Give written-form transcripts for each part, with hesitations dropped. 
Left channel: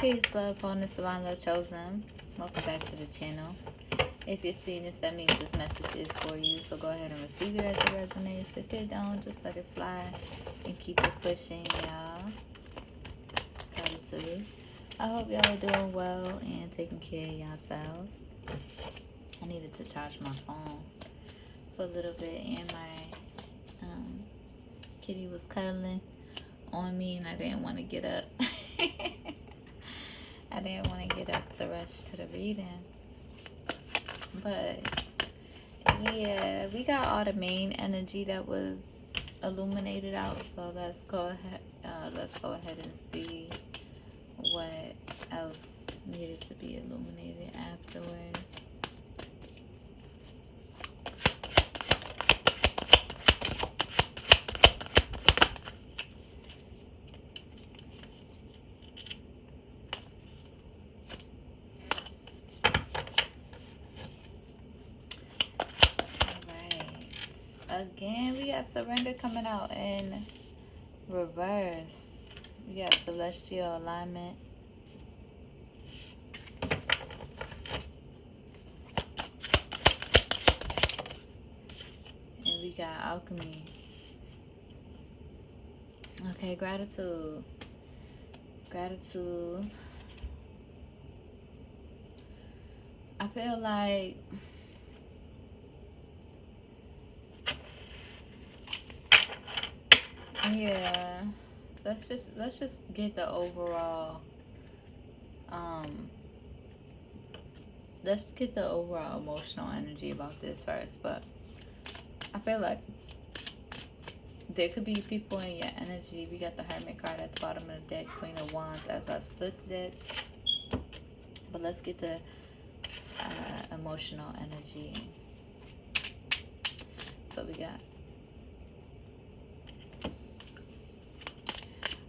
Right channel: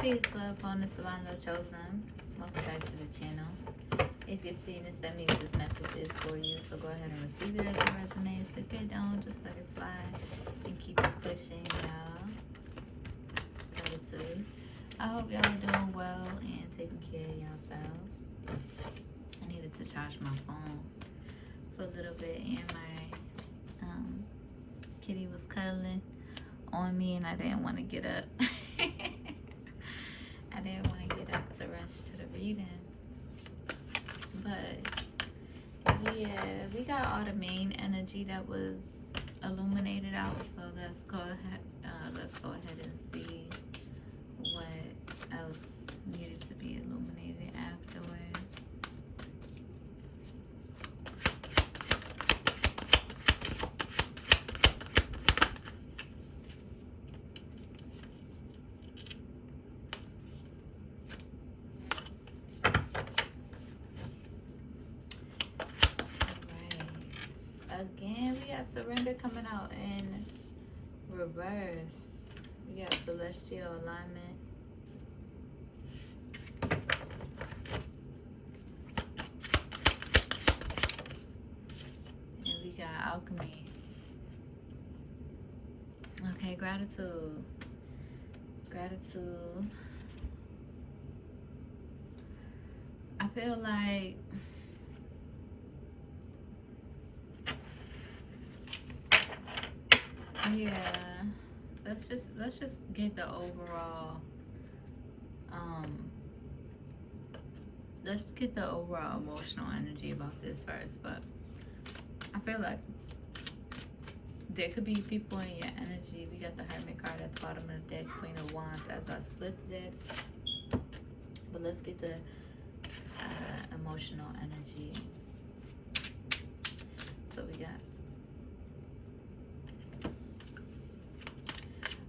Peace, love, bonus, divine love chosen. Welcome back to the channel. If you're seeing this, that means this message is for you. So go ahead and receive it as it resonates. If it don't, just let it fly and keep it pushing, y'all. Gratitude. I hope y'all are doing well and taking care of yourselves. I needed to charge my phone for a little bit, and my kitty was cuddling on me, and I didn't want to get up. I didn't want to get up to rush to the reading. But yeah, we got all the main energy that was illuminated out. So let's go ahead. And see what else needed to be illuminated afterwards. Again, we got surrender coming out in reverse. We got celestial alignment. And we got alchemy. Okay, gratitude. Gratitude. I feel like yeah, let's just get the overall let's get the overall emotional energy about this first. But I feel like there could be people in your energy. We got the Hermit card at the bottom of the deck, Queen of Wands as I split the deck. But let's get the emotional energy. So we got,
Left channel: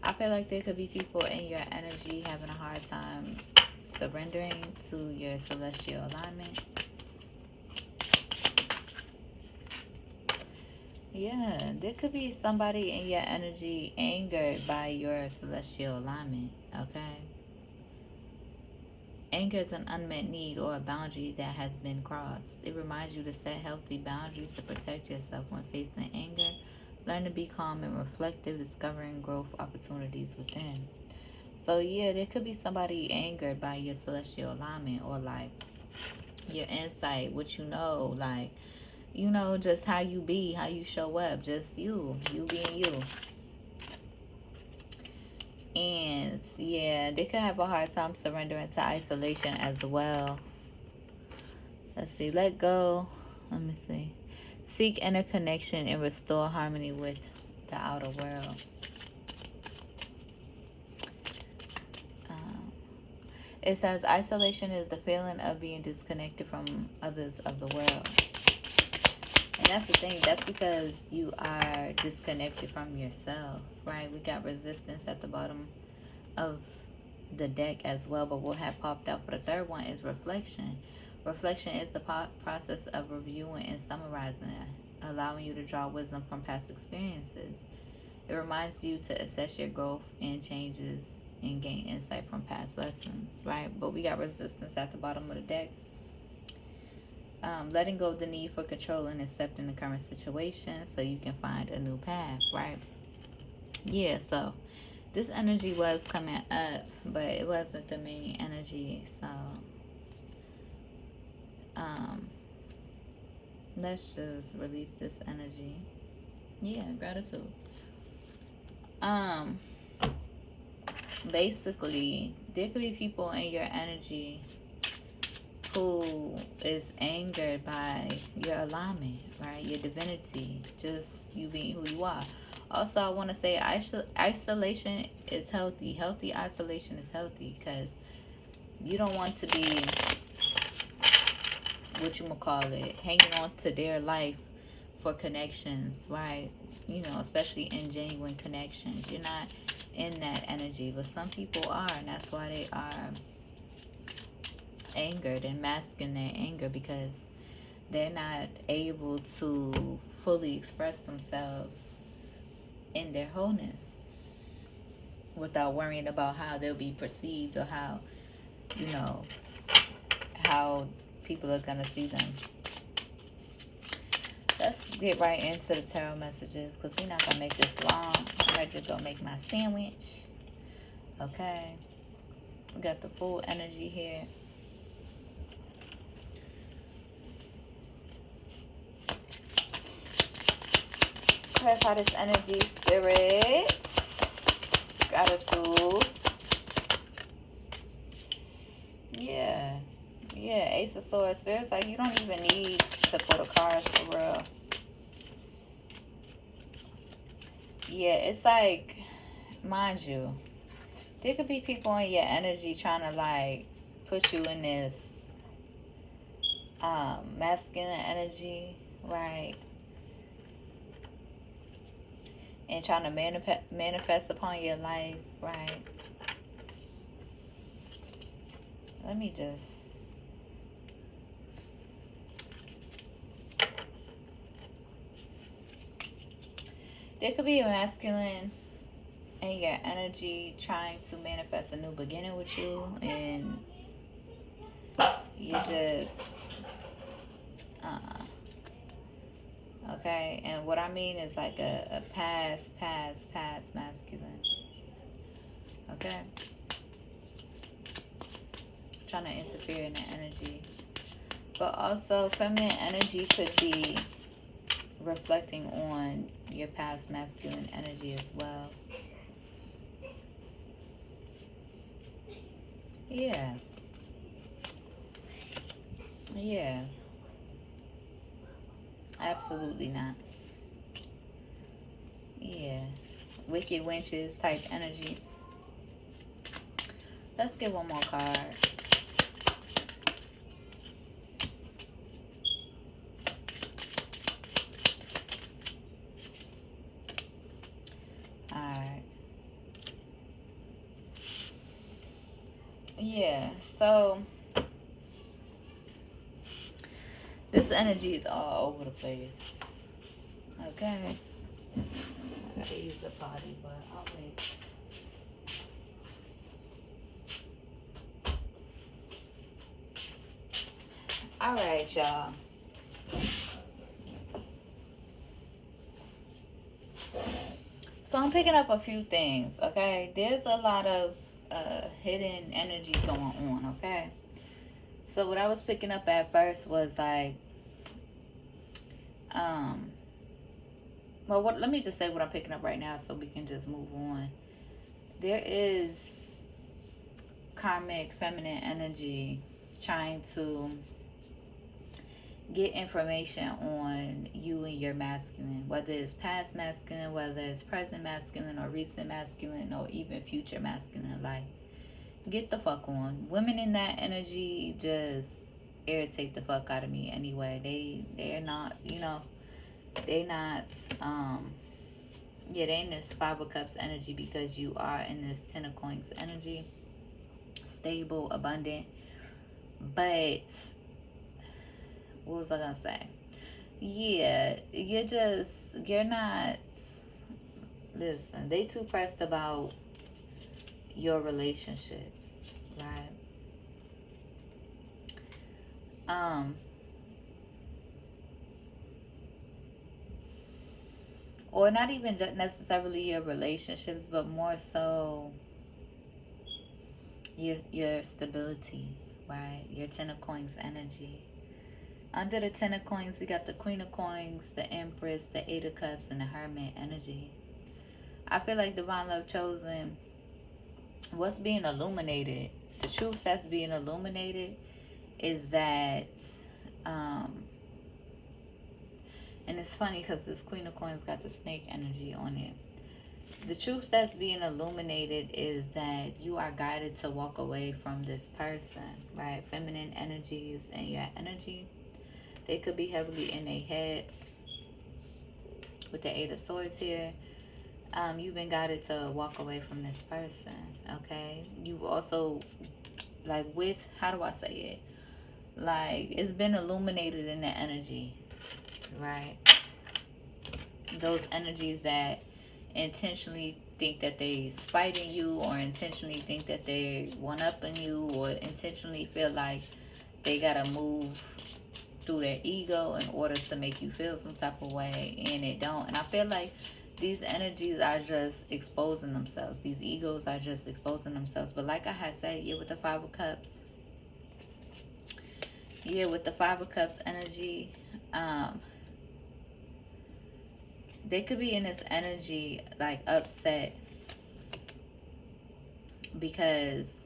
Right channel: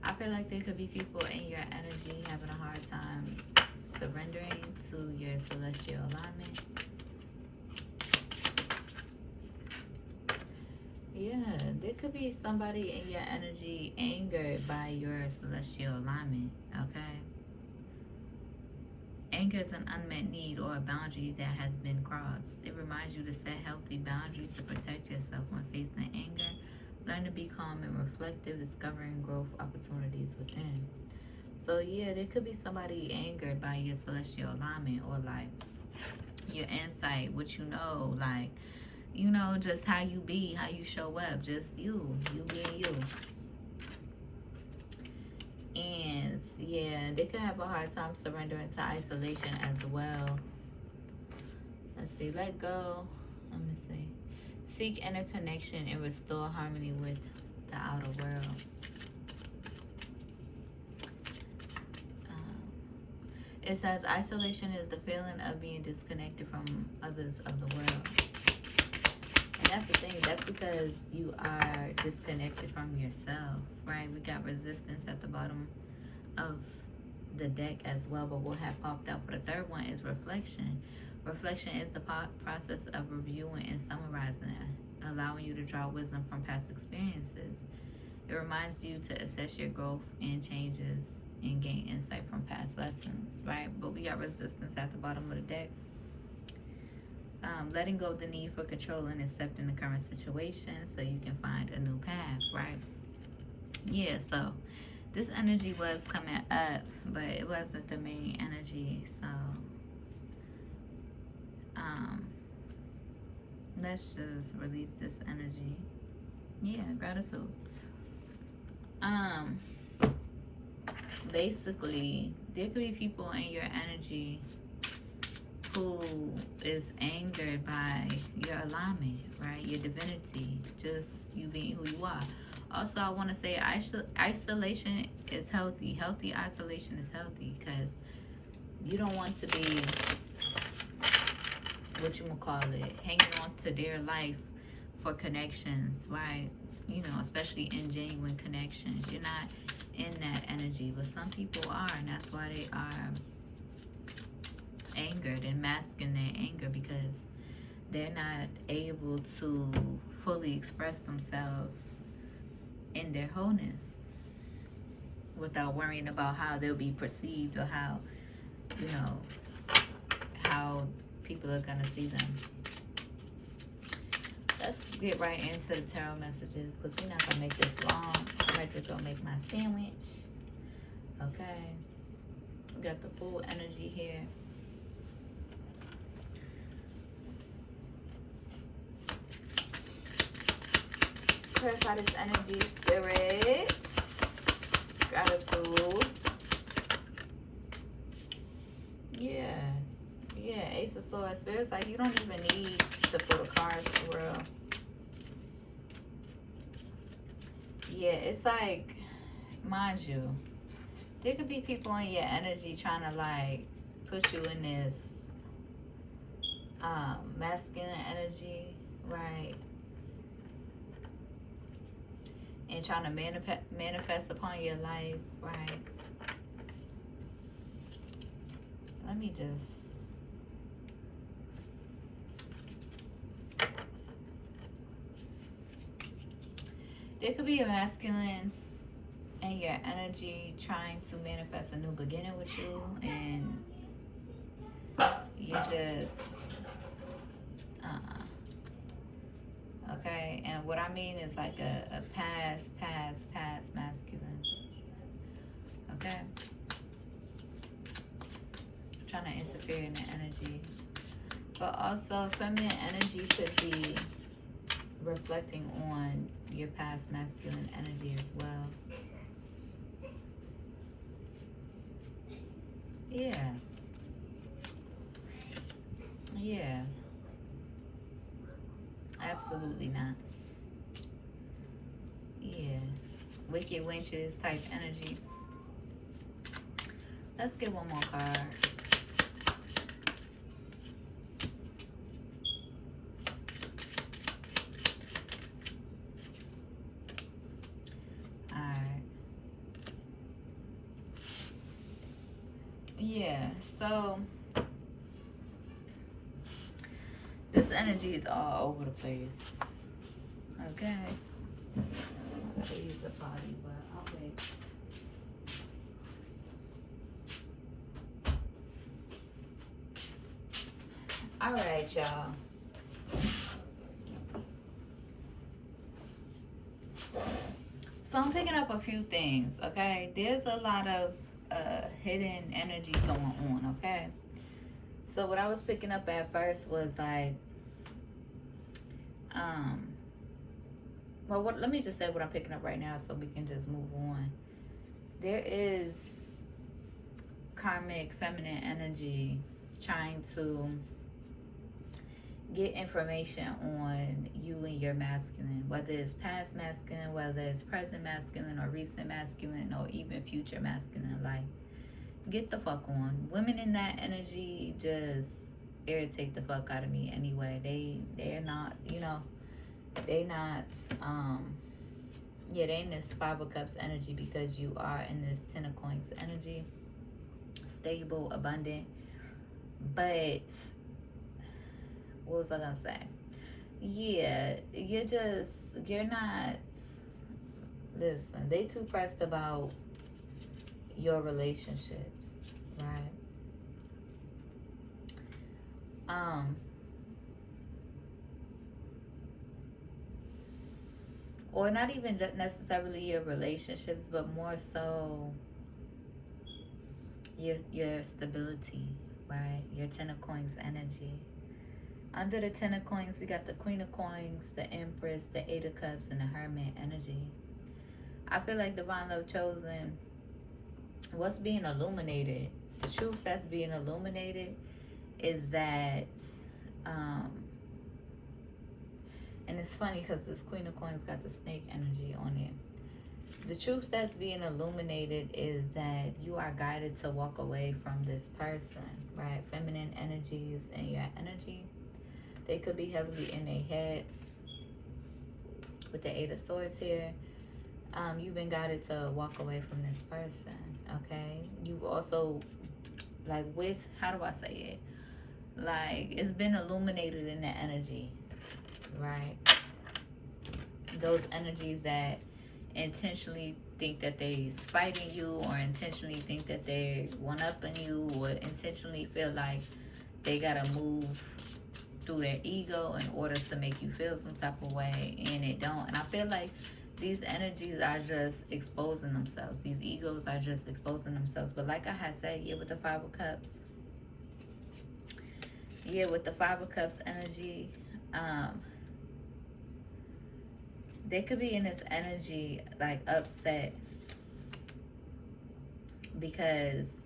I feel like there could be people in your energy having a hard time surrendering to your celestial alignment. Yeah, there could be somebody in your energy angered by your celestial alignment, okay? Anger is an unmet need or a boundary that has been crossed. It reminds you to set healthy boundaries to protect yourself when facing anger. Learn to be calm and reflective, discovering growth opportunities within. So yeah, there could be somebody angered by your celestial alignment, or like your insight, what you know, like, you know, just how you be, how you show up, just you being you. And yeah, they could have a hard time surrendering to isolation as well. Let's see, let go. Let me see. Seek inner connection and restore harmony with the outer world. It says isolation is the feeling of being disconnected from others of the world. And that's the thing. That's because you are disconnected from yourself, right? We got resistance at the bottom of the deck as well, but what have popped up for the third one is reflection. Reflection is the process of reviewing and summarizing, allowing you to draw wisdom from past experiences. It reminds you to assess your growth and changes and gain insight from past lessons, right? But we got resistance at the bottom of the deck. Letting go of the need for control and accepting the current situation so you can find a new path, right? Yeah, so this energy was coming up, but it wasn't the main energy. So let's just release this energy. Yeah, gratitude. Basically, there could be people in your energy who is angered by your alignment, right? Your divinity, just you being who you are. Also, I want to say isolation is healthy. Healthy isolation is healthy because you don't want to be, what you gonna call it, hanging on to their life for connections, right? You know, especially in genuine connections. You're not in that energy, but some people are, and that's why they are angered and masking their anger, because they're not able to fully express themselves in their wholeness, without worrying about how they'll be perceived or how, you know, how people are gonna see them. Let's get right into the tarot messages because we're not gonna make this long. I'm ready to go make my sandwich. Okay. We got the full energy here. Clarify this energy, spirit. Gratitude. Yeah. Yeah, Ace of Swords. Spirit's like you don't even need to pull the cards for real. Yeah, it's like, mind you, there could be people in your energy trying to like push you in this masculine energy, right? And trying to manifest upon your life, right? Let me just... There could be a masculine in your energy trying to manifest a new beginning with you, and you just... okay, and what I mean is like a past masculine. Okay? Trying to interfere in the energy. But also, feminine energy could be reflecting on your past masculine energy as well. Yeah. Yeah. Absolutely not. Yeah. Wicked Wenches type energy. Let's get one more card. Alright. Yeah, so this energy is all over the place. Okay. I gotta use the body, but I'll wait. Alright, y'all. So I'm picking up a few things, okay? There's a lot of hidden energy going on, okay? So what I was picking up at first was like, well, let me just say what I'm picking up right now so we can just move on. There is karmic feminine energy trying to get information on you and your masculine, whether it's past masculine, whether it's present masculine, or recent masculine, or even future masculine. Like, get the fuck on. Women in that energy just irritate the fuck out of me anyway. They're not, you know, they not yeah, they in this Five of Cups energy because you are in this Ten of Coins energy. Stable, abundant. But what was I gonna say? Yeah, you're not... Listen, they too pressed about your relationships, right? Or not even just necessarily your relationships, but more so your stability, right? Your Ten of Coins energy. Under the Ten of Coins, we got the Queen of Coins, the Empress, the Eight of Cups, and the Hermit energy. I feel like Divine Love Chosen, what's being illuminated, the truths that's being illuminated is that, and it's funny because this Queen of Coins got the snake energy on it. The truths that's being illuminated is that you are guided to walk away from this person, right? Feminine energies and your energy, they could be heavily in their head with the Eight of Swords here. You've been guided to walk away from this person, okay? You've also, like, with, how do I say it? Like, it's been illuminated in the energy, right? Those energies that intentionally think that they spiting you, or intentionally think that they one up on you, or intentionally feel like they gotta move through their ego in order to make you feel some type of way, and it don't. And I feel like these energies are just exposing themselves. These egos are just exposing themselves. But like I had said, yeah, with the Five of Cups, yeah, with the Five of Cups energy, they could be in this energy like upset because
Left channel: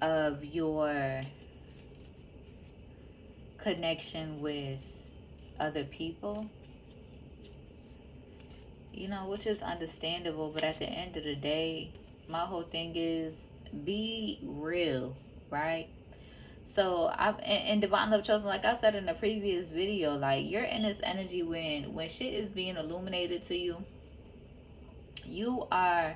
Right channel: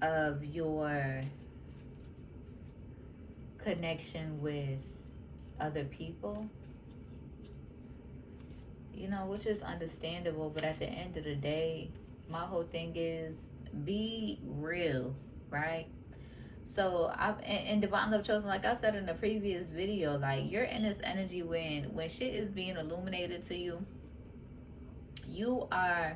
of your connection with other people, you know, which is understandable. But at the end of the day, my whole thing is be real, right? So I've in Divine Love Chosen, like I said in the previous video, like you're in this energy when shit is being illuminated to you, you are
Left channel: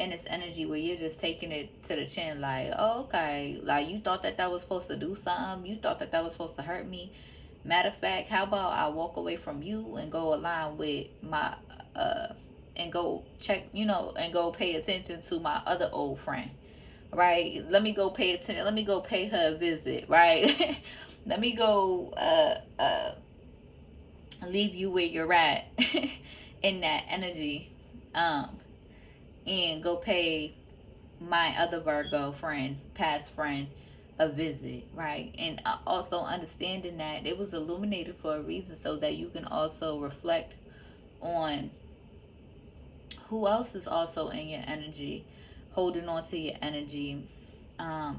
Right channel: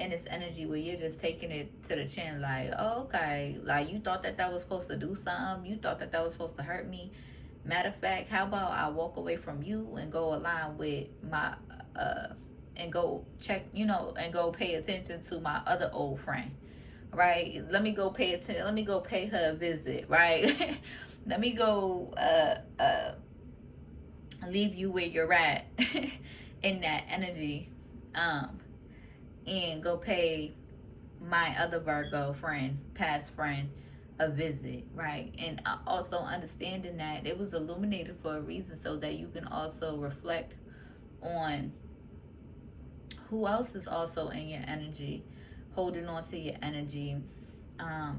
in this energy where you're just taking it to the chin, like, oh, okay, like you thought that that was supposed to do something, you thought that that was supposed to hurt me. Matter of fact, how about I walk away from you and go align with my uh and go check, you know, and go pay attention to my other old friend, right? Let me go pay attention, let me go pay her a visit, right? Let me go leave you where you're at in that energy, um and go pay my other Virgo friend, past friend, a visit, right? And also understanding that it was illuminated for a reason, so that you can also reflect on who else is also in your energy, holding on to your energy,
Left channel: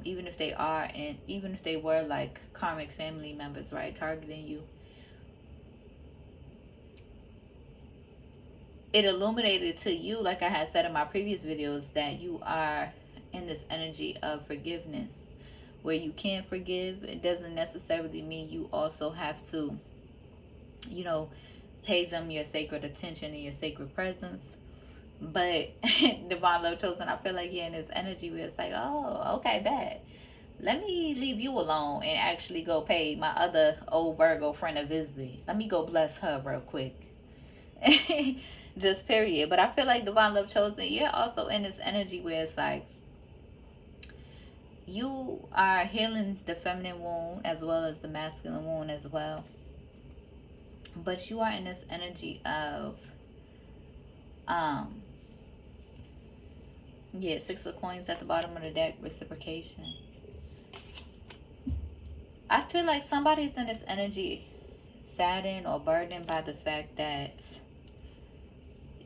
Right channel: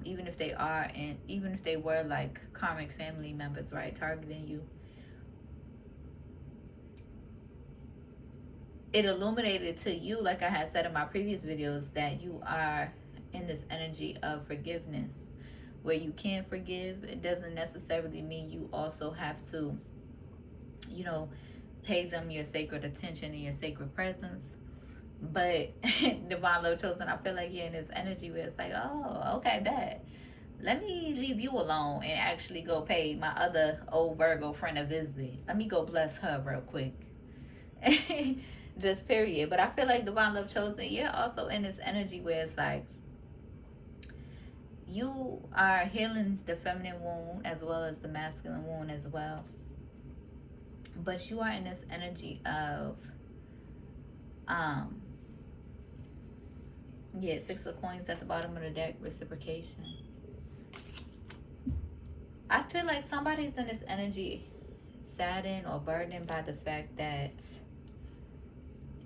even if they are, and even if they were like karmic family members, right, targeting you. It illuminated to you, like I had said in my previous videos, that you are in this energy of forgiveness, where you can forgive. It doesn't necessarily mean you also have to, you know, pay them your sacred attention and your sacred presence. But Divine Love Chosen, I feel like you're in this energy where it's like, oh, okay, bad. Let me leave you alone and actually go pay my other old Virgo friend a visit. Let me go bless her real quick. Just period. But I feel like Divine Love Chosen, you're also in this energy where it's like you are healing the feminine wound as well as the masculine wound as well. But you are in this energy of yeah, Six of Coins at the bottom of the deck, reciprocation. I feel like somebody's in this energy saddened or burdened by the fact that,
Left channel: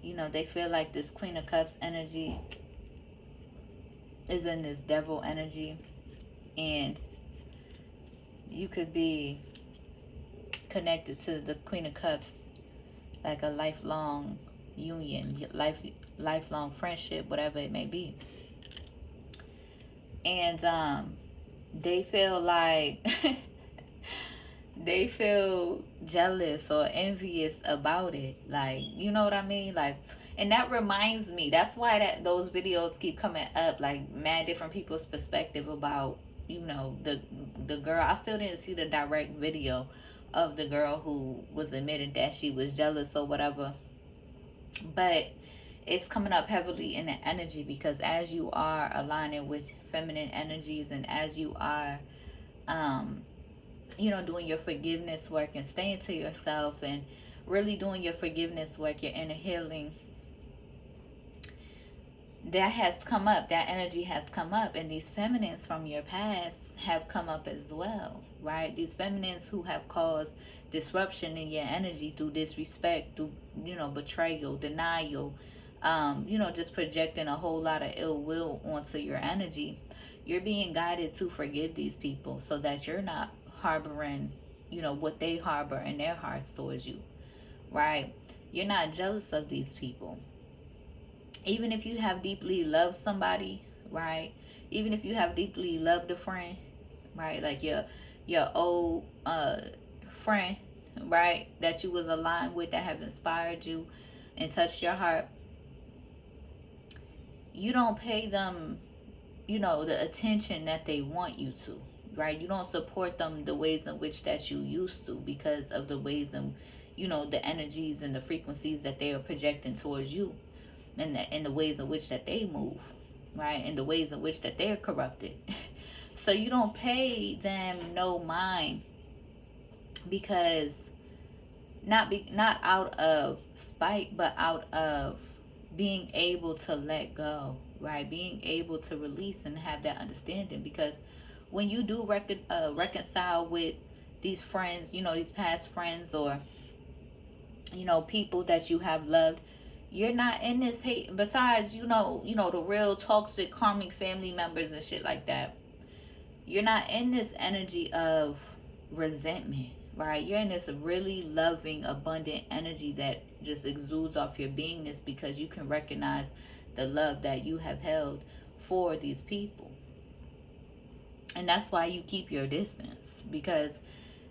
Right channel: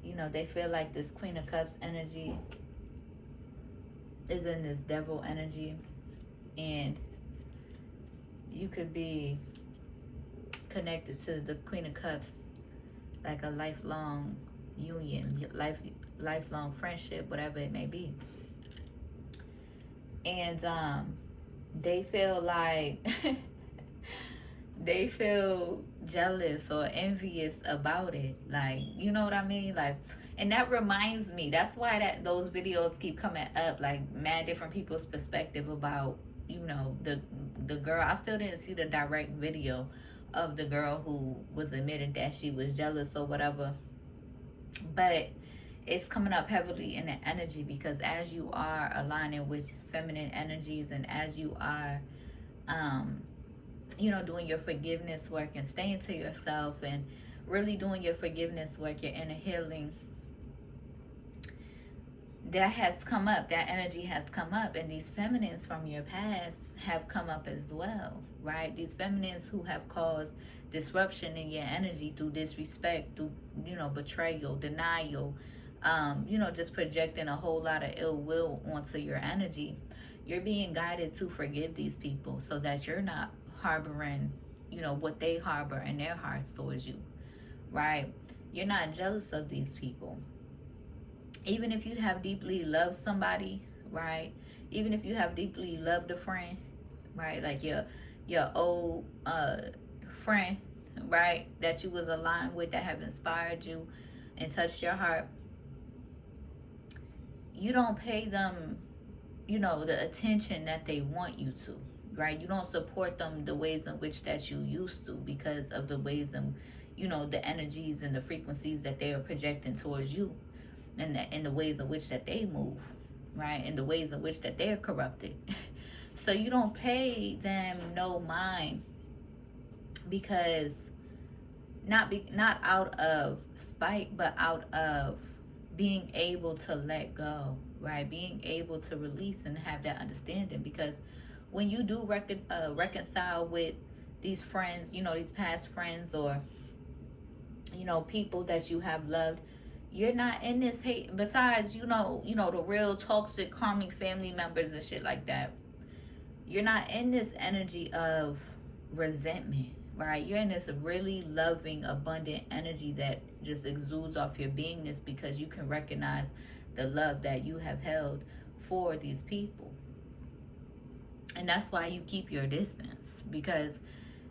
you know, they feel like this Queen of Cups energy is in this devil energy, and you could be connected to the Queen of Cups like a lifelong union, lifelong friendship, whatever it may be. And they feel like they feel jealous or envious about it, like, you know what I mean, like. And that reminds me, that's why that those videos keep coming up, like mad different people's perspective about, you know, the girl. I still didn't see the direct video of the girl who was admitting that she was jealous or whatever, but it's coming up heavily in the energy, because as you are aligning with feminine energies, and as you are you know, doing your forgiveness work and staying to yourself and really doing your forgiveness work, your inner healing, that has come up, that energy has come up, and these feminines from your past have come up as well, right? These feminines who have caused disruption in your energy through disrespect, through, you know, betrayal, denial, you know, just projecting a whole lot of ill will onto your energy. You're being guided to forgive these people so that you're not harboring, you know, what they harbor in their hearts towards you, right? You're not jealous of these people. Even if you have deeply loved somebody, right? Even if you have deeply loved a friend, right? Like your old friend, right? That you was aligned with, that have inspired you and touched your heart. You don't pay them, you know, the attention that they want you to, right? You don't support them the ways in which that you used to, because of the ways in, the energies and the frequencies that they are projecting towards you, and the ways in which that they move, right, and the ways in which that they're corrupted. So you don't pay them no mind, because not out of spite, but out of being able to let go, right? Being able to release and have that understanding. Because when you do reconcile with these friends, these past friends, or people that you have loved, you're not in this hate. Besides, the real toxic, harming family members and shit like that, you're not in this energy of resentment, right? You're in this really loving, abundant energy that just exudes off your beingness, because you can recognize the love that you have held for these people. And that's why you keep your distance, because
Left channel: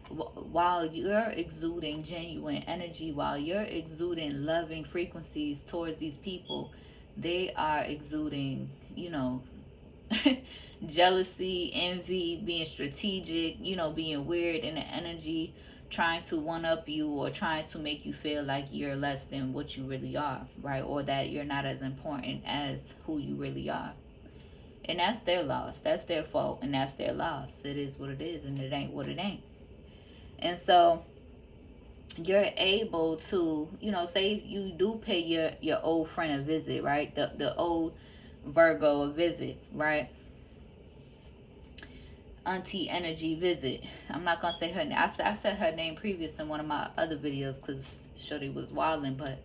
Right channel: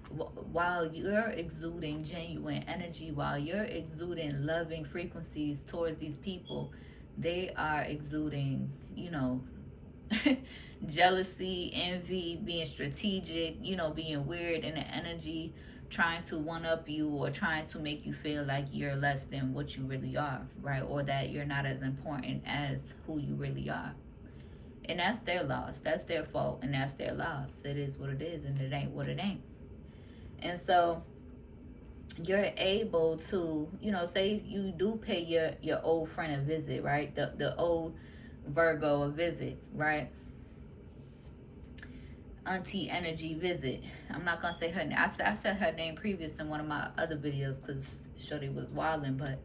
while you're exuding genuine energy, while you're exuding loving frequencies towards these people, they are exuding, jealousy, envy, being strategic, being weird in the energy, trying to one up you, or trying to make you feel like you're less than what you really are, right? Or that you're not as important as who you really are. And that's their loss. That's their fault, and that's their loss. It is what it is, and it ain't what it ain't. And so you're able to, say you do pay your old friend a visit, right? The old Virgo a visit, right? Auntie energy visit. I'm not gonna say her name. I said her name previous in one of my other videos because Shorty was wilding. But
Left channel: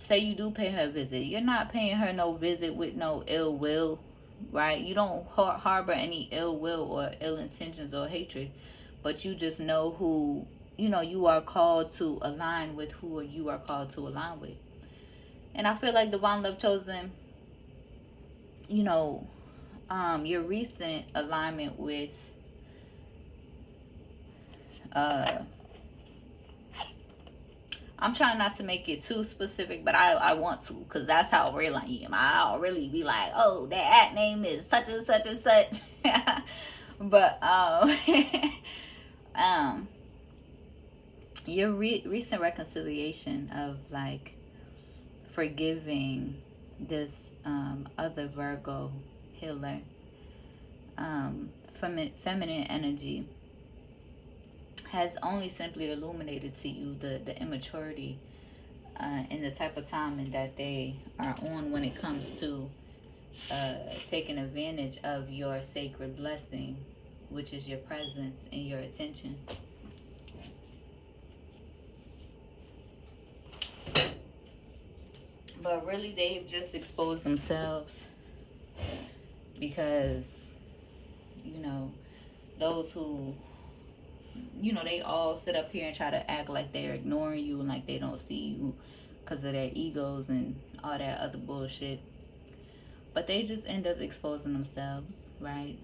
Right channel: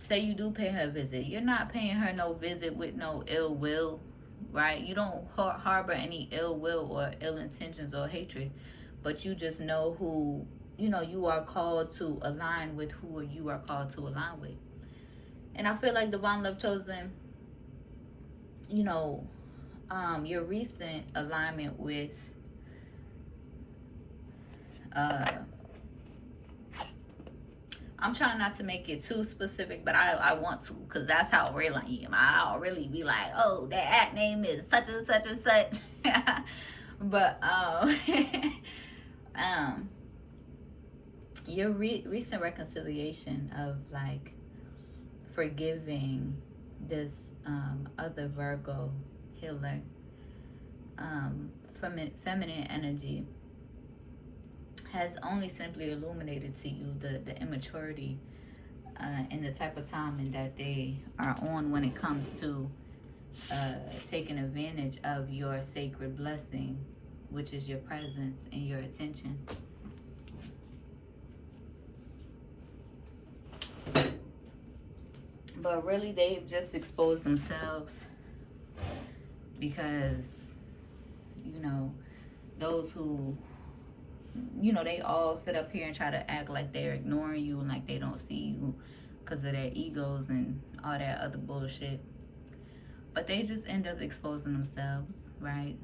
say you do pay her a visit, you're not paying her no visit with no ill will, right? You don't harbor any ill will or ill intentions or hatred, but you just know who, you are called to align with, who you are called to align with. And I feel like Divine Love Chosen, your recent alignment with I'm trying not to make it too specific, but I want to, because that's how real I am. I'll really be like, oh, that name is such and such and such. But your recent reconciliation of like forgiving this other Virgo healer, feminine energy, has only simply illuminated to you the immaturity and the type of timing that they are on when it comes to taking advantage of your sacred blessing, which is your presence and your attention. But really, they've just exposed themselves, because those who they all sit up here and try to act like they're ignoring you and like they don't see you because of their egos and all that other bullshit. But they just end up exposing themselves, right?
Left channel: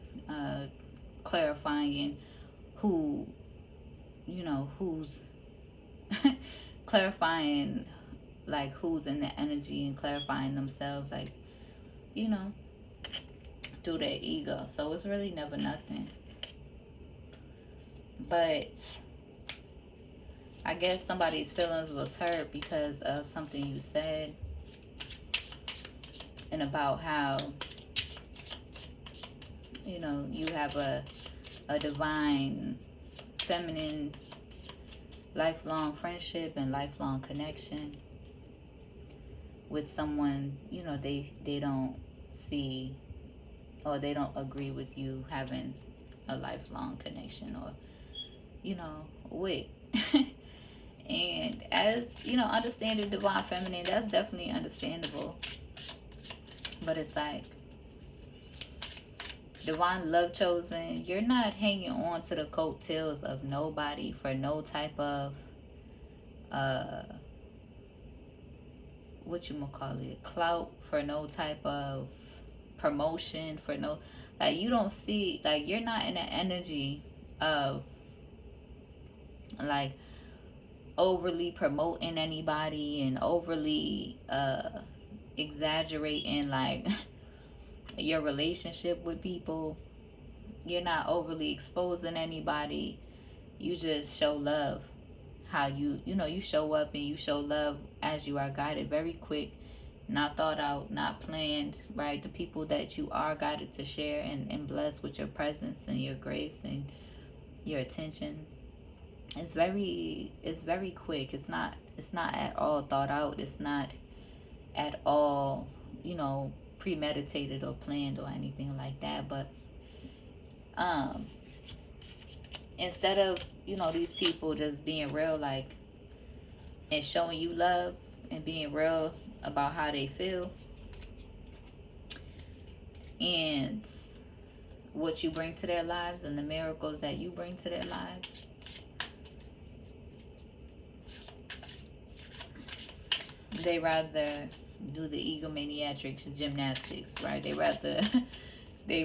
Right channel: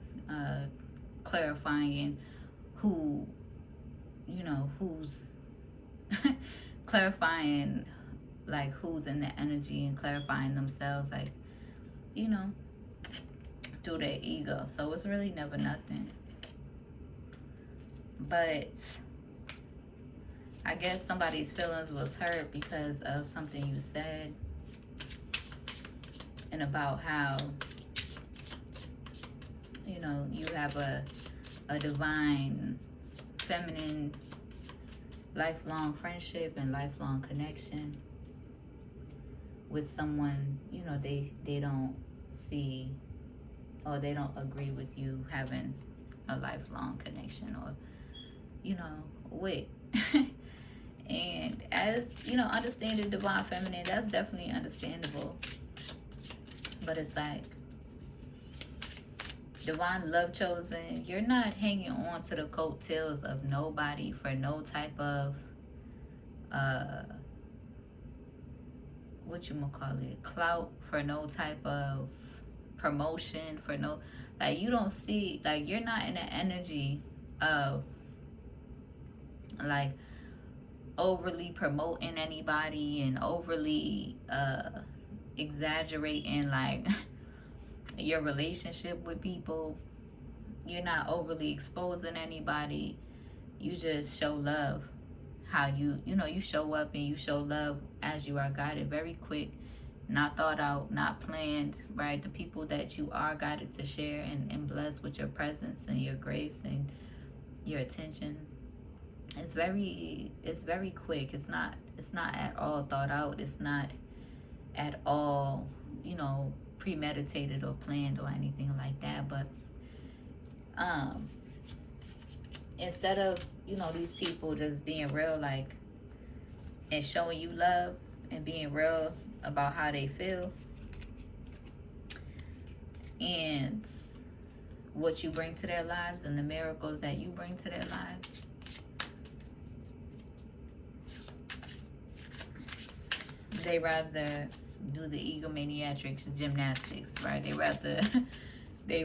Clarifying who, who's clarifying like who's in the energy, and clarifying themselves, like, through their ego. So it's really never nothing. But I guess somebody's feelings was hurt because of something you said, and about how you have a divine feminine lifelong friendship and lifelong connection with someone they don't see, or they don't agree with you having a lifelong connection, or with. And as understanding divine feminine, that's definitely understandable. But it's like, Divine Love Chosen, you're not hanging on to the coattails of nobody for no type of clout, for no type of promotion, for no, like, you don't see, like, you're not in the energy of like overly promoting anybody and overly exaggerating like your relationship with people. You're not overly exposing anybody. You just show love. How you show up and you show love as you are guided. Very quick, not thought out, not planned, right? The people that you are guided to share and bless with your presence and your grace and your attention. It's very quick. It's not at all thought out. It's not at all, premeditated or planned or anything like that. But um instead of, these people just being real, like, and showing you love and being real about how they feel and what you bring to their lives and the miracles that you bring to their lives, they rather do the egomaniatrics gymnastics, right? They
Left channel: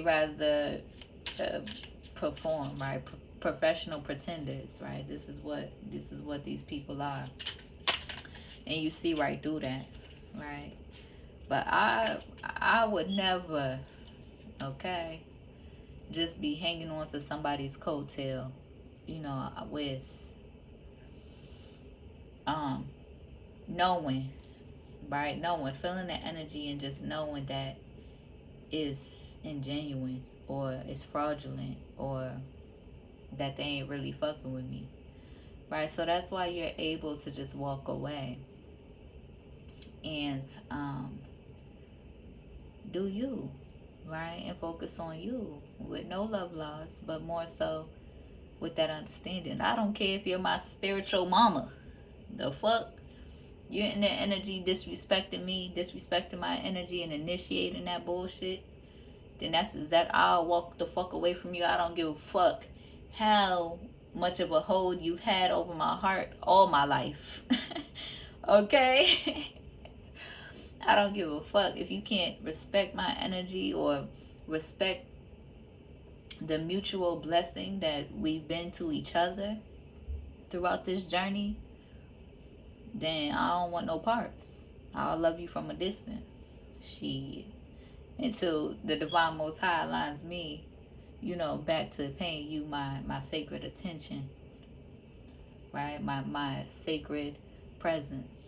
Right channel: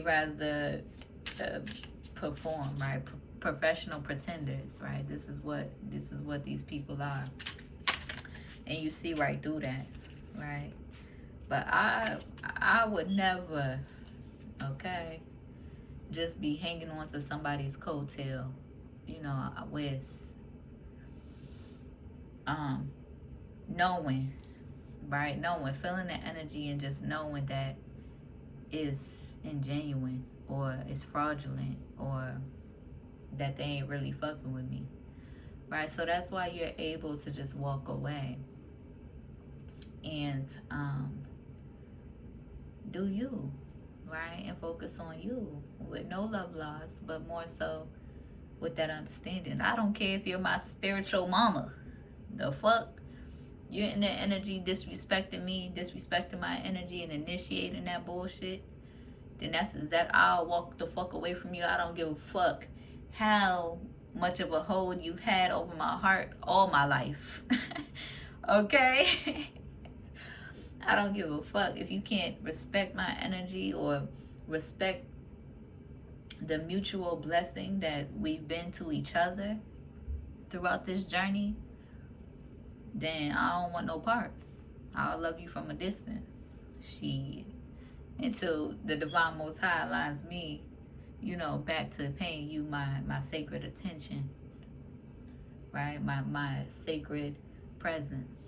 rather uh, perform, right? Professional pretenders, right? This is what these people are, and you see right through that, right? But I would never, okay, just be hanging on to somebody's coattail, with um knowing, right? Knowing, feeling the energy and just knowing that it's ingenuine or it's fraudulent or that they ain't really fucking with me, right? So that's why you're able to just walk away and do you, right? And focus on you with no love loss, but more so with that understanding. I don't care if you're my spiritual mama. The fuck? You're in that energy disrespecting me, disrespecting my energy, and initiating that bullshit. Then that's exact. I'll walk the fuck away from you. I don't give a fuck how much of a hold you've had over my heart all my life. Okay? I don't give a fuck if you can't respect my energy or respect the mutual blessing that we've been to each other throughout this journey. Then I don't want no parts. I'll love you from a distance. Shit. Until the divine most high aligns me, back to paying you my sacred attention. Right? My sacred presence.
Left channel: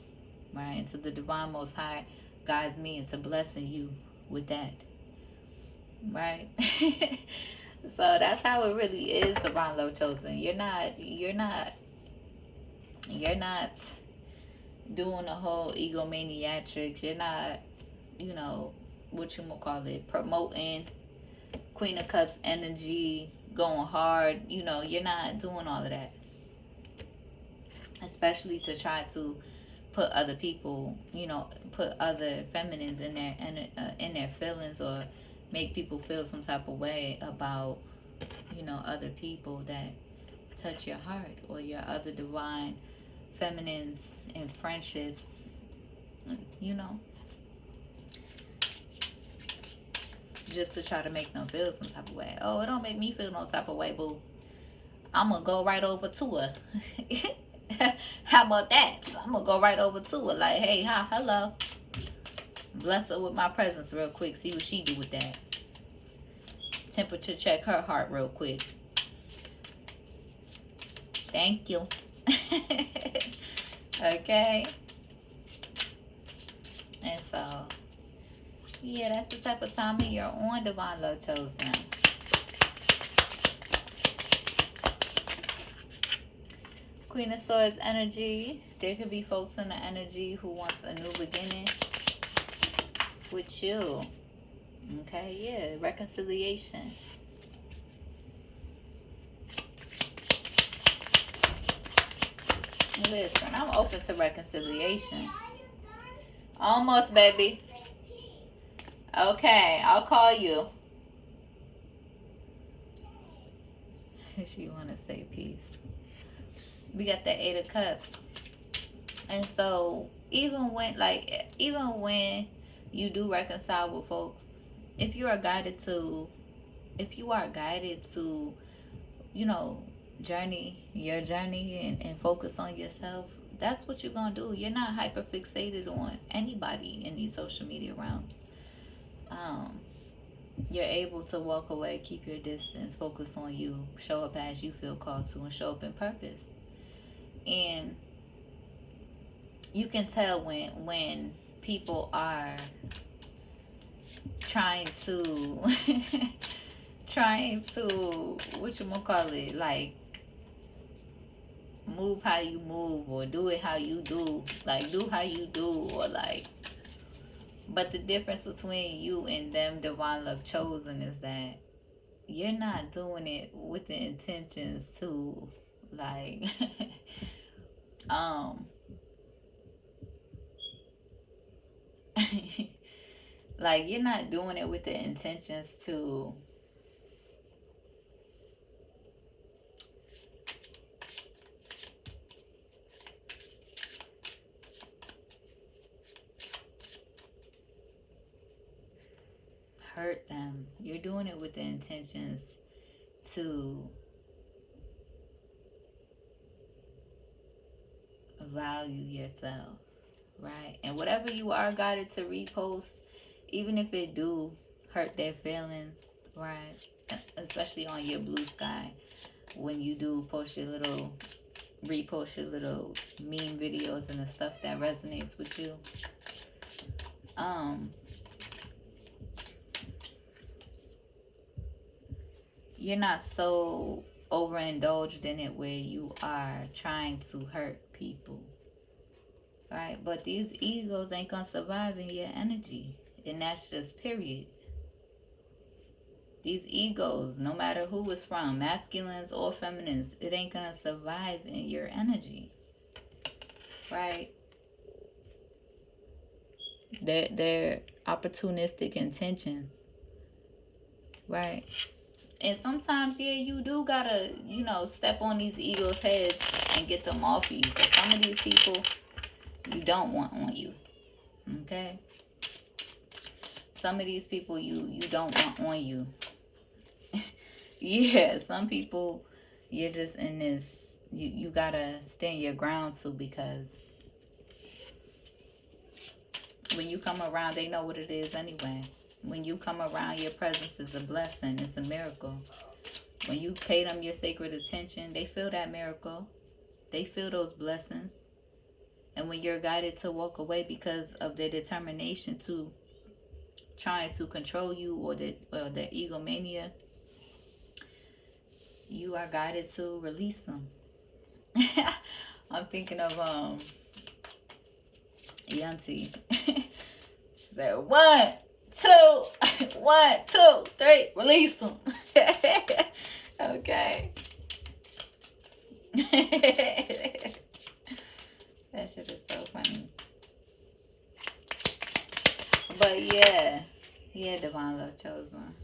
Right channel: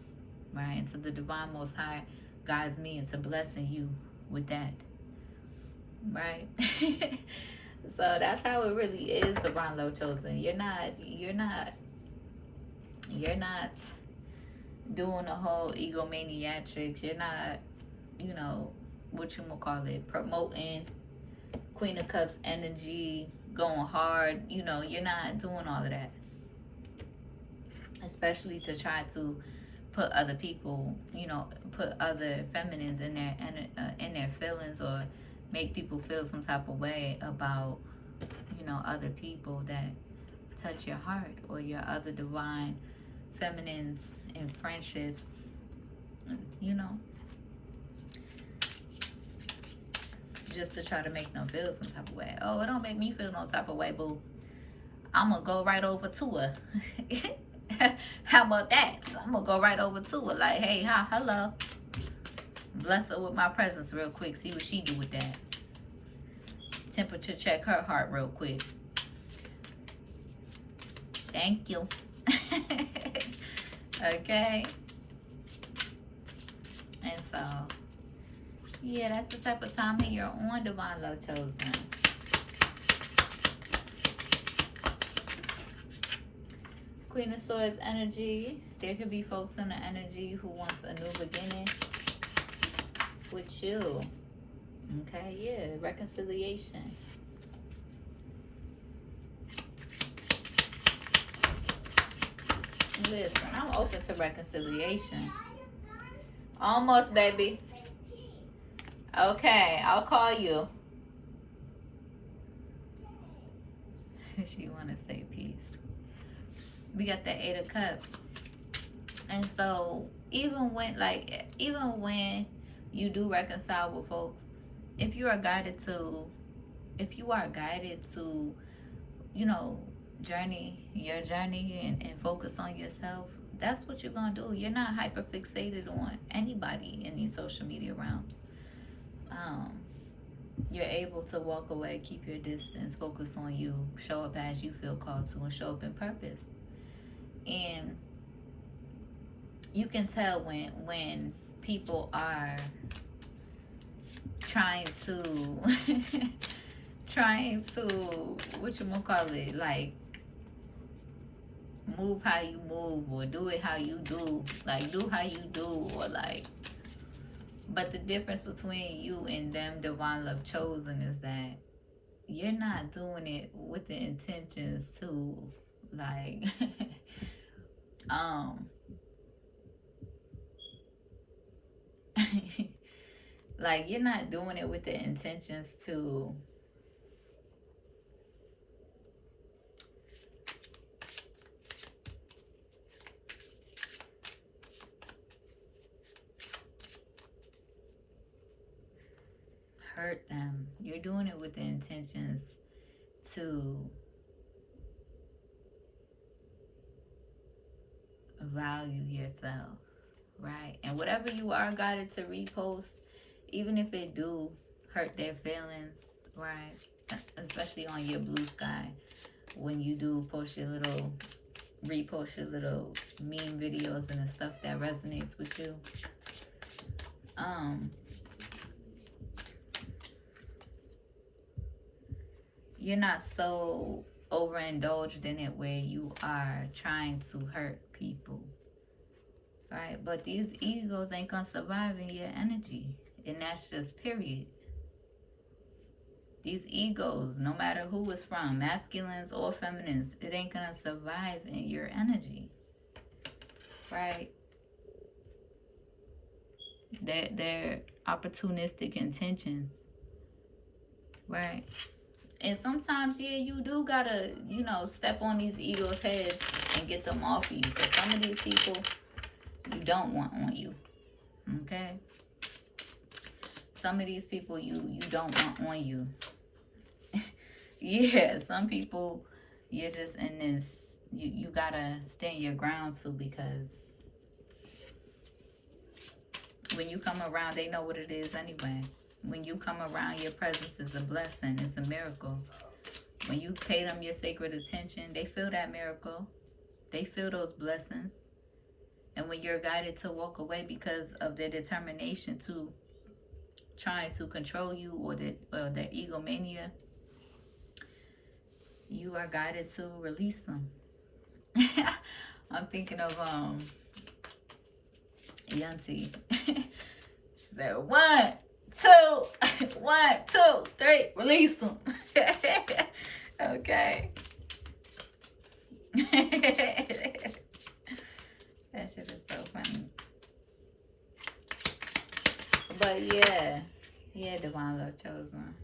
Right? Until the divine most high guides me into blessing you with that. Right? So that's how it really is, divine love chosen. You're not doing the whole egomaniatrics. You're not, what you gonna call it, promoting Queen of Cups energy, going hard. You're not doing all of that. Especially to try to put other people, put other feminines in their feelings, or make people feel some type of way about, other people that touch your heart, or your other divine feminines and friendships, just to try to make them feel some type of way. Oh, it don't make me feel no type of way, boo. I'm gonna go right over to her. How about that? I'm gonna go right over to her, like, hey, hi, hello. Bless her with my presence real quick. See what she do with that. Temperature check her heart real quick. Thank you. Okay. And so, yeah, that's the type of time that you're on, divine love chosen. Queen of Swords energy. There could be folks in the energy who wants a new beginning with you. Okay, yeah, reconciliation. Listen, I'm open to reconciliation. Almost, baby. Okay, I'll call you. She want to say peace. We got the Eight of Cups. And so, even when you do reconcile with folks, if you are guided to, journey your journey and focus on yourself, that's what you're gonna do. You're not hyper fixated on anybody in these social media realms. You're able to walk away, keep your distance, focus on you, show up as you feel called to, and show up in purpose. And you can tell when people are trying to trying to what you gonna call it, like move how you move or do it how you do, like do how you do, or like, but the difference between you and them divine love chosen is that you're not doing it with the intentions to like um like you're not doing it with the intentions to hurt them. You're doing it with the intentions to value yourself, right? And whatever you are guided to repost, even if it do hurt their feelings, right? Especially on your blue sky, when you do post your little, repost your little meme videos and the stuff that resonates with you. Um, you're not so overindulged in it where you are trying to hurt people, right? But these egos ain't gonna survive in your energy, and that's just period. These egos, no matter who it's from, masculines or feminines, it ain't gonna survive in your energy, right? They're opportunistic intentions, right? And sometimes, yeah, you do gotta, step on these egos' heads and get them off you. Because some of these people you don't want on you. Okay? Some of these people you don't want on you. Yeah, some people you're just in this, you gotta stand your ground to, because when you come around, they know what it is anyway. When you come around, your presence is a blessing. It's a miracle. When you pay them your sacred attention, they feel that miracle. They feel those blessings. And when you're guided to walk away because of their determination to trying to control you, or their egomania, you are guided to release them. I'm thinking of Yanti. She said, 1, 2, 1, 2, 3, release them. Okay. That shit is so funny. But yeah, divine love chosen.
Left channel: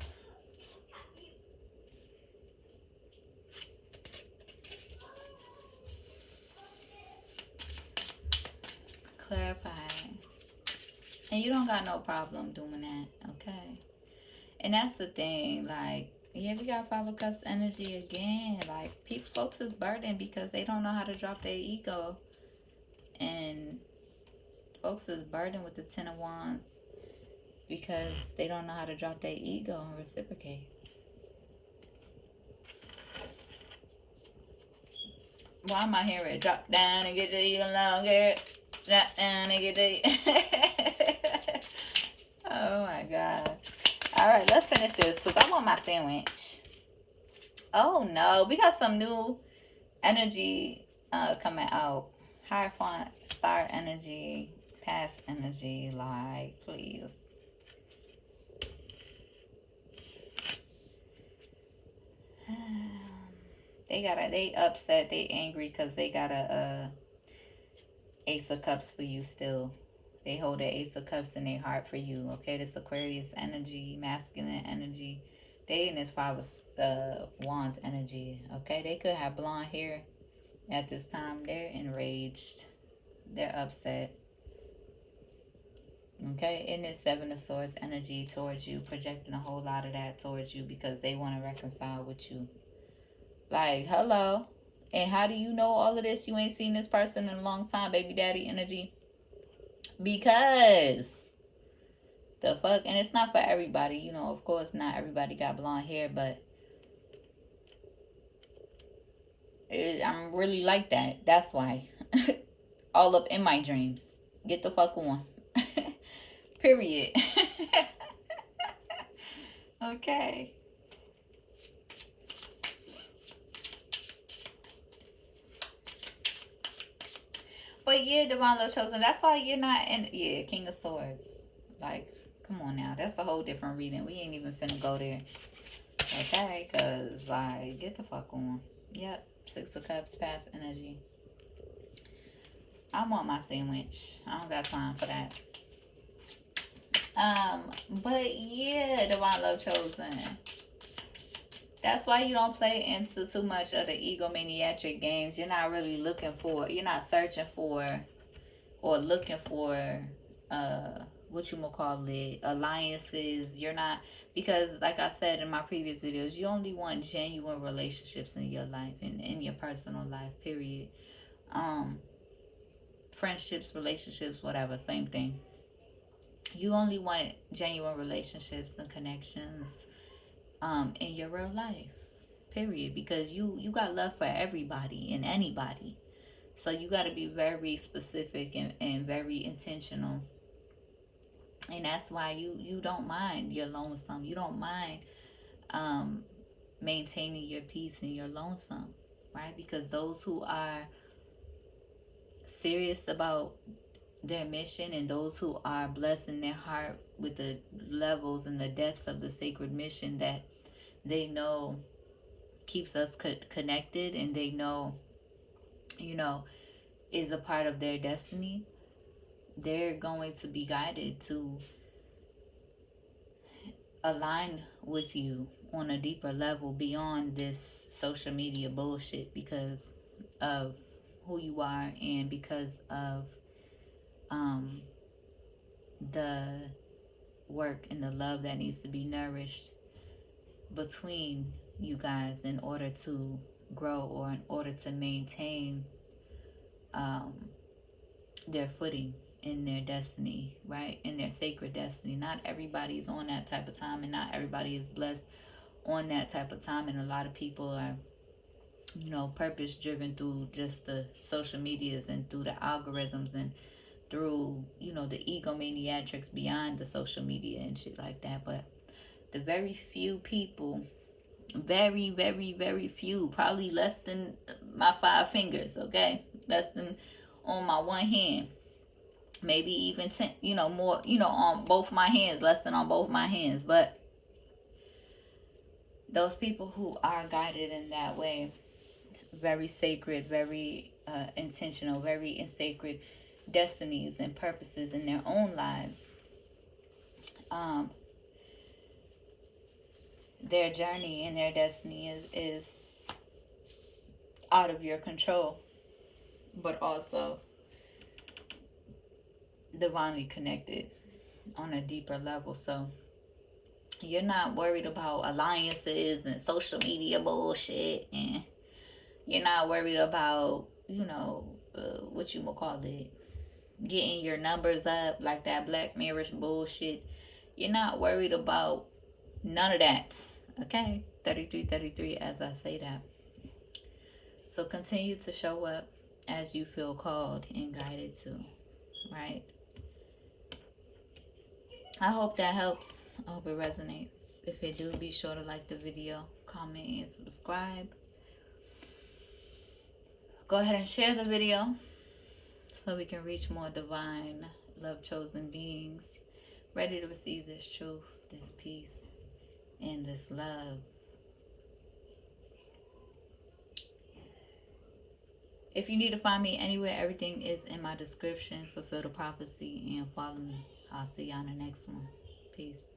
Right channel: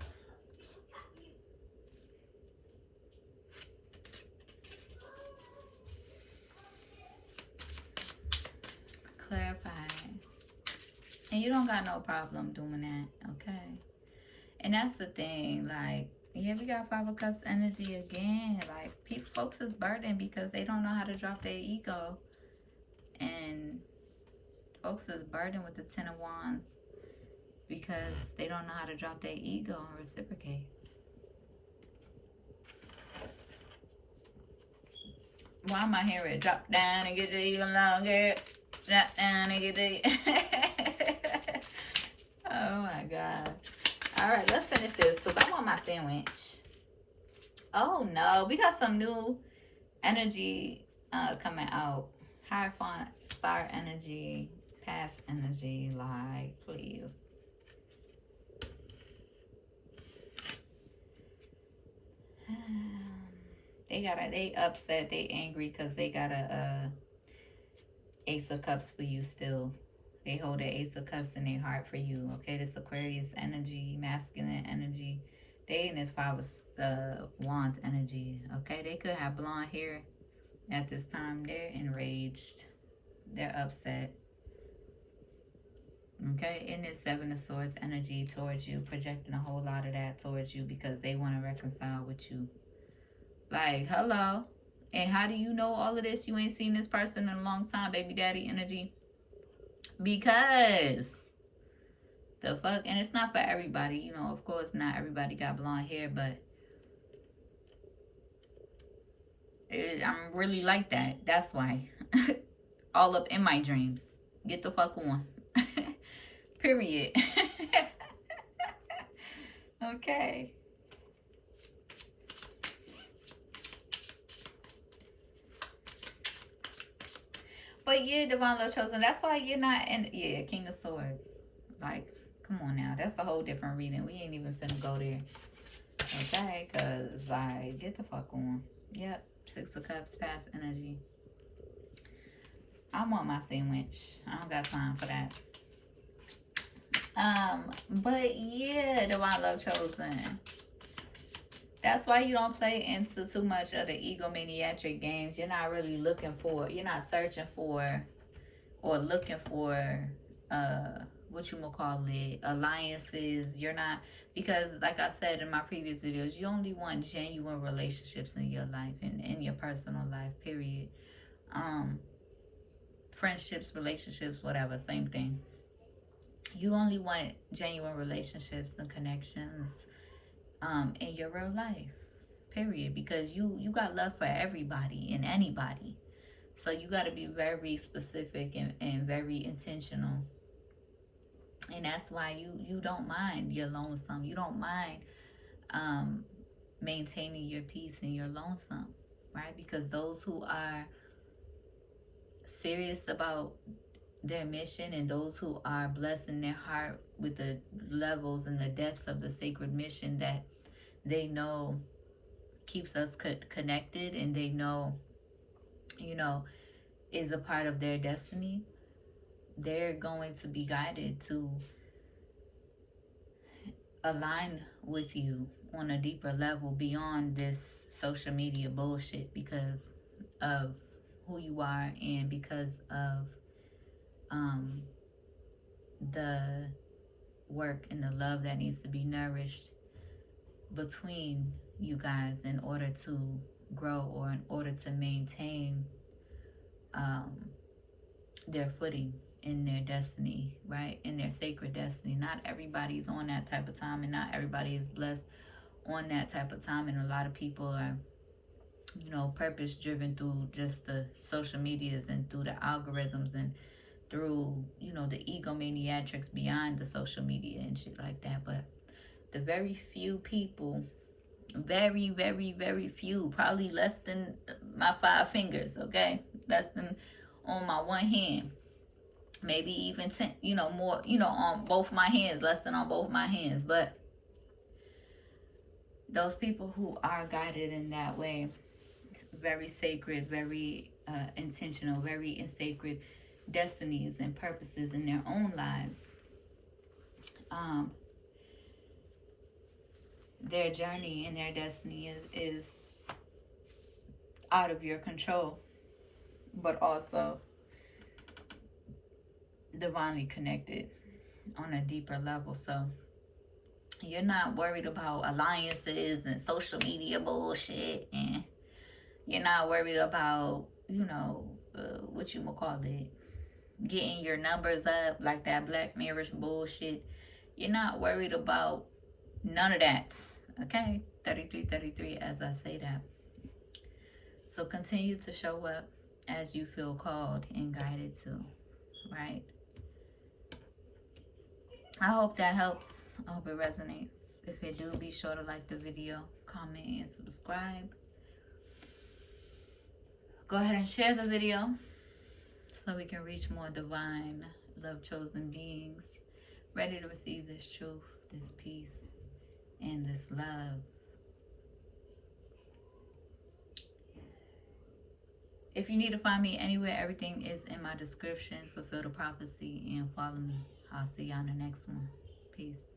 Clarify. And you don't got no problem doing that, okay? And that's the thing, like, yeah, we got 5 of Cups energy again. Like, folks is burdened because they don't know how to drop their ego. And folks is burdened with the 10 of Wands because they don't know how to drop their ego and reciprocate. Why am I hearing drop down and get your ego longer? Drop down and get the... Oh my God. Alright, let's finish this because I want my sandwich. Oh no, we got some new energy coming out. Hierophant, fire energy, past energy, like, please. They upset, they angry because they got a Ace of Cups for you still. They hold the Ace of Cups in their heart for you. Okay, this Aquarius energy, masculine energy. They in this 5 of Wands energy. Okay, they could have blonde hair at this time. They're enraged. They're upset. Okay, in this 7 of Swords energy towards you, projecting a whole lot of that towards you because they want to reconcile with you. Like, hello. And how do you know all of this? You ain't seen this person in a long time, baby daddy energy. Because The fuck? And it's not for everybody, you know. Of course, not everybody got blonde hair, but I'm really like that. That's why. All up in my dreams. Get the fuck on. Period. Okay. But yeah, Divine Love Chosen, that's why you're not in. Yeah, King of Swords. Like, come on now. That's a whole different reading. We ain't even finna go there. Okay? Because, like, get the fuck on. Yep. Six of Cups, past energy. I want my sandwich. I don't got time for that. But yeah, Divine Love Chosen. That's why you don't play into too much of the egomaniac games. You're not really looking for, you're not searching for or looking for what you gonna call it, alliances. You're not, because like I said in my previous videos, you only want genuine relationships in your life and in your personal life, period. Friendships, relationships, whatever, same thing. You only want genuine relationships and connections in your real life, period, because you got love for everybody and anybody. So you got to be very specific and very intentional. And that's why you don't mind your lonesome. You don't mind um, maintaining your peace and your lonesome, right? Because those who are serious about their mission and those who are blessed in their heart with the levels and the depths of the sacred mission that they know keeps us connected, and they know, you know, is a part of their destiny, they're going to be guided to align with you on a deeper level beyond this social media bullshit, because of who you are and because of um, the work and the love that needs to be nourished between you guys in order to grow or in order to maintain um, their footing in their destiny, right? In their sacred destiny. Not everybody is on that type of time, and not everybody is blessed on that type of time. And a lot of people are, you know, purpose driven through just the social medias and through the algorithms and through, you know, the egomaniacs beyond the social media and shit like that. But the very few people, very, very, very few, probably less than my 5 fingers, okay? Less than on my one hand, maybe even 10, you know, more, you know, on both my hands, less than on both my hands. But those people who are guided in that way, very sacred, very intentional, very in sacred destinies and purposes in their own lives, um, their journey and their destiny is out of your control, but also divinely connected on a deeper level. So you're not worried about alliances and social media bullshit, and you're not worried about, you know, what you will call it, getting your numbers up like that Black Mirror bullshit. You're not worried about none of that. Okay? 3333 as I say that. So continue to show up as you feel called and guided to, right? I hope that helps. I hope it resonates. If it do, be sure to like the video, comment, and subscribe. Go ahead and share the video so we can reach more divine, love chosen beings ready to receive this truth, this peace, and this love. If you need to find me anywhere, everything is in my description. Fulfill the prophecy and follow me. I'll see you on the next one. Peace.